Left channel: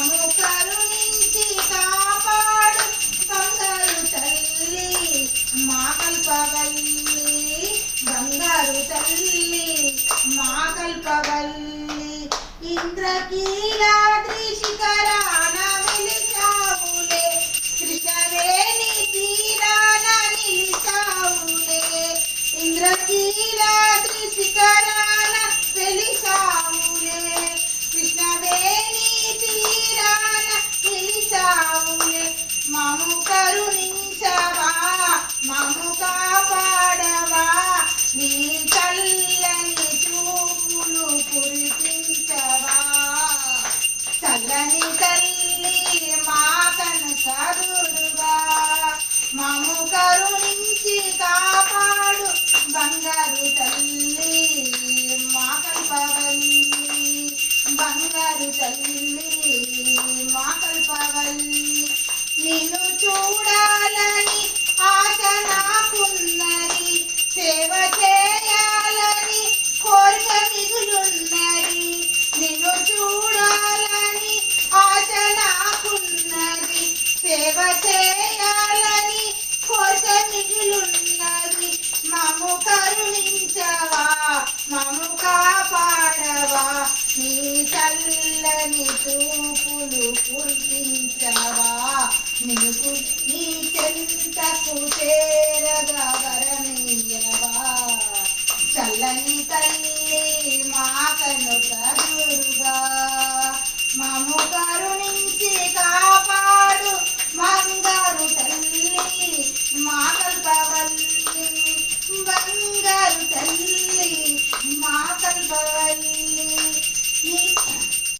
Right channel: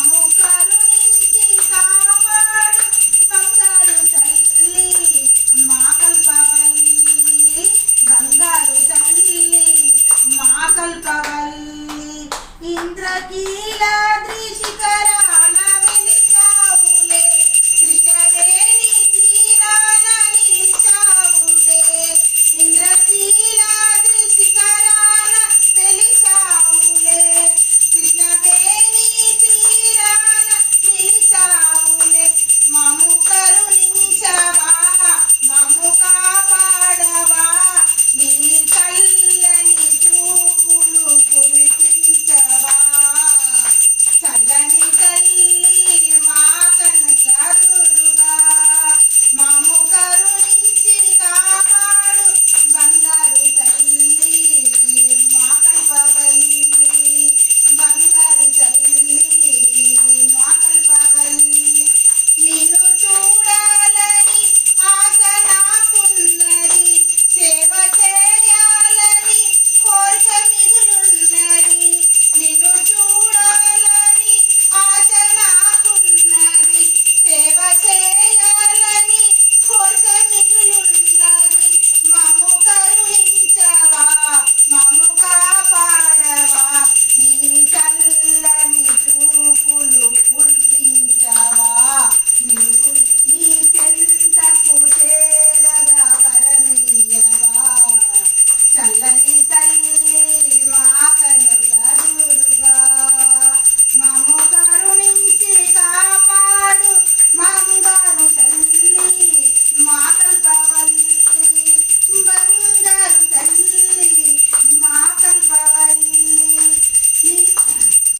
మము కరుణించి కాపాడు బంగారు తల్లి మా కల్పవల్లి బంగారు తల్లి మా కల్పవల్లి ఇంద్రకీలాద్రి శిఖరాన వెలిసావులే కృష్ణవేణి తీరాన నిలిచావులే ఇంద్రకీలాద్రి శిఖరాన వెలిసావులే కృష్ణవేణి తీరాన నిలిచావులే మము కరుణించవా మము కాపాడవా నీ చల్లని చూపులు కురిపించవా చల్లని తల్లి మా కనకదుర్గా మము కరుణించి కాపాడు బంగారు తల్లి మా కల్పవల్లి బంగారు తల్లి మా కల్పవల్లి నిన్ను చూడాలని ఆశ నాకున్నది సేవ చేయాలని కోరిక మిగులున్నది నిన్ను చూడాలని ఆశ నాకున్నది సేవ చేయాలని కోరిక మిగులున్నది మము కరుణించవా మము కాపాడవా నీ చల్లని చూపులు కురిపించవా నీకు నీ చెంతకు చేరగా వరమీయవా చల్లని తల్లి మా కనుకదుర్గా మము కరుణించి కాపాడు బంగారు తల్లి మా